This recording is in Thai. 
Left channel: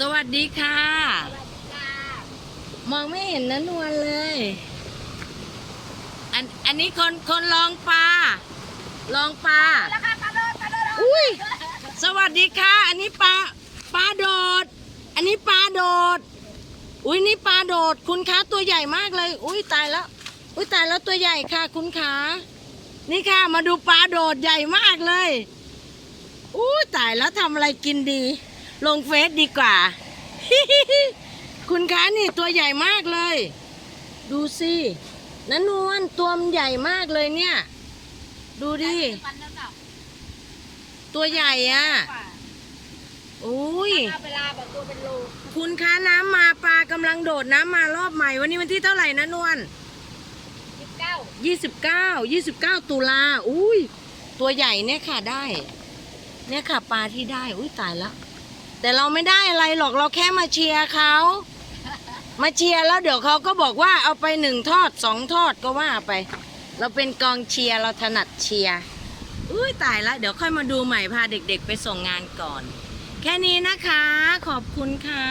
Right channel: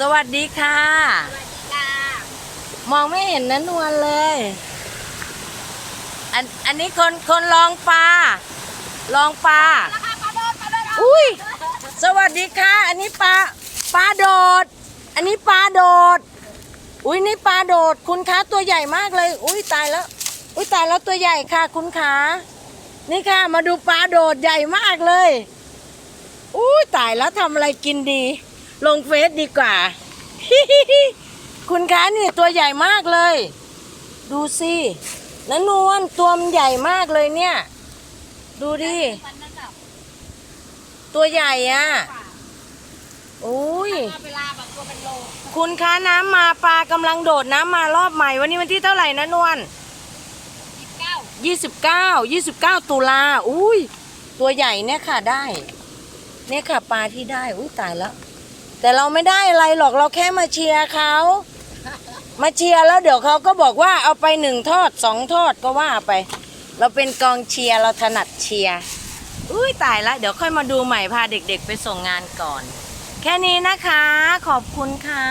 สวัสดีค่ะจ้ามองไม่เห็นนันวลเลย อันอันนี้คนคนลองปลาลองปลาราคาปลาโดดปลาโดดอุ้ยสวัสดีค่ะ อันนี้ปลาปลาโดด อันนี้ปลาโดด อุ้ยนี่ปลาโดด คุณคะตัวใหญ่มากเลย อุ้ยตายแล้ว อุ้ยตายแล้วตัวใหญ่ค่ะ คุณคะนี่ค่ะมาดูปลาโดดใหญ่มากเลย อุ้ยตายแล้วทำอะไรกินดี ลงเฟซดีกว่า คุณคะนี่ตัวใหญ่มากเลย ดูสินันนวลตัวมันใหญ่มากเลยเนี่ย ดูดิ ตัวใหญ่อะอุ้ยเอาเวลาแบบตัวเป็นโลคุณคะน้ำมาปลากำลังโดดน้ำมารอบใหม่ วันนี้วันที่เท่าไหร่นะนวลยี่สิบเก้า29 29ตุลาอุ้ยตัวใหญ่เนี่ยค่ะได้ เนี่ยค่ะปลาที่ได้ อุ้ยตายแล้ว แต่เราไม่ได้อะไรหรอกเราแค่มาเชียร์เขามาเชียร์แล้วเดี๋ยวเขาก็บอกว่าเอาไปหนึ่งทอดสองทอดก็ว่าไป เราเป็นกองเชียร์เราถนัดเชียร์อุ้ยตายละเดี๋ยวค่อยมาดูใหม่พาเด็กๆไปส่งงานก่อน แค่นี้นะคะ ขอบคุณค่ะ